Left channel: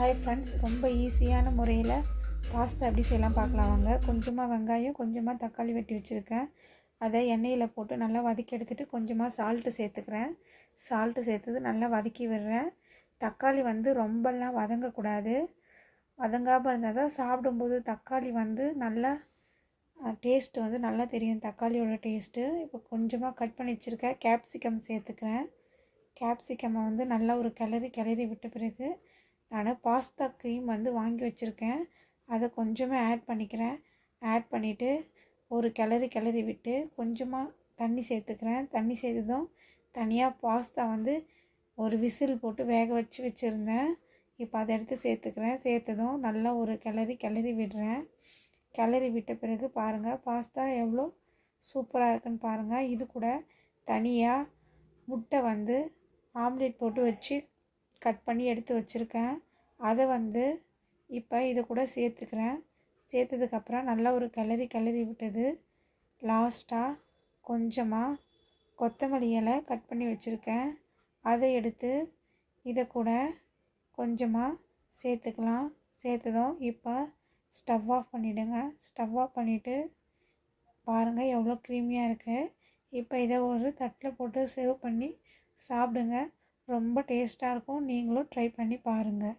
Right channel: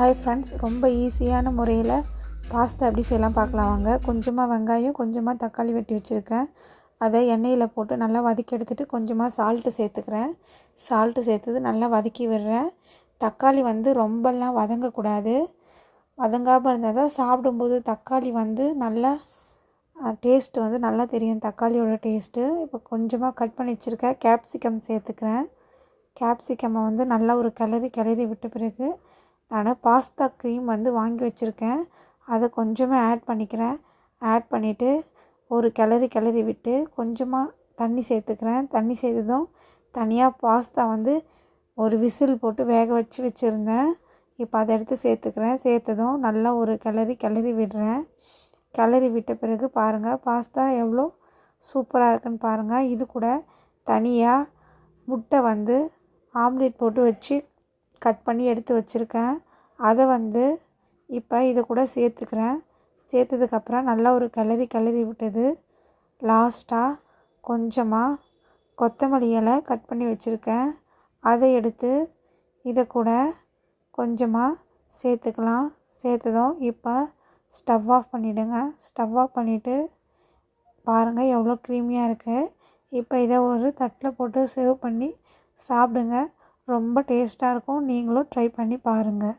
Hi friends, ரொம்ப ஈஸியான முறையில் பாஸ்தா எப்படி செய்யலாம் பார்க்கலாம் வாங்க. கொஞ்சமாக வெங்காயம், கொஞ்சமாக தக்காளி வெட்டி வச்சுருக்கேன். அதை எண்ணெயில் போட்டு நல்லா வதக்கி எடுத்துகிட்டு கொஞ்சமாக சால்ட்டு சேர்த்துக்கிறேன். சால்ட்டு சேர்த்தது நல்லா வதக்கி விடுறேன். தக்காளி ரொம்பலாம் வதங்கக்கூடாது. வதங்காமல் இருந்தால் தான் சாப்பிடும்போது தக்காளி நல்லா டேஸ்ட்டு நல்லா தெரியும், தக்காளியோட டேஸ்ட்டு. இப்போ கொஞ்சமாக கட் பண்ணி வச்சுருக்கேன் கேப்சிகம் சேர்த்துக்கிறேன். கேப்சிகம்மை நல்லா ஒரு கிளறி விட்ட பிறகு நான் பாஸ்தா க்ரீம் வாங்கி வச்சுருக்கேன். அதை கொஞ்சமாக ஆட் பண்ணிக்கிறேன். ஆட் பண்ணிவிட்டு ஒரு கிளறி விட்டு கொஞ்சமாக தண்ணி சேர்த்துக்கிறேன். தண்ணி சேர்த்ததும் தனியாக பாஸ்தா ஒரு விசில் போட்டு வேக வச்சுருந்தேன். இப்போ அதை எடுத்து சேர்த்துக்கிறேன். சேர்த்ததும் நல்லா ஒரு கிளறி விடுறேன். கிளறி விட்ட பிறகு பாருங்கள், பாஸ்தா எவ்வளோ சூப்பராக இருக்குன்னு பாருங்கள். இது கூட தனியாக முட்டை ஆம்லேட் போட்டு வச்சு கட் பண்ணி எடுத்து வச்சுருக்கேன். அதை இப்போ இது கூட சேர்த்துக்கிறேன். சேர்த்ததுக்கப்புறம் நல்லா ஒரு கிளறி விட்டது. லாஸ்ட்டாக கொஞ்சமாக கொத்தமல்லி இலை கட் பண்ணி வச்சுருக்கேன். அதை எடுத்து இதை கூட கொஞ்சமாக சேர்த்துக்கலாம். சேர்த்ததும் இப்போ ஸ்டவ் ஆஃப் பண்ணிவிடுங்க. ஸ்டவ் ஆஃப் பண்ணிவிட்டு பாருங்கள் எவ்வளோ க்ரீமியாக இருக்குது. இப்போ இதை ஒரு தட்டில் போட்டு சர்வ் பண்ணி சாப்பிடுங்க. ரொம்ப டேஸ்ட்டாக இருக்கும். நீங்களும் ட்ரை பண்ணி பாருங்கள்.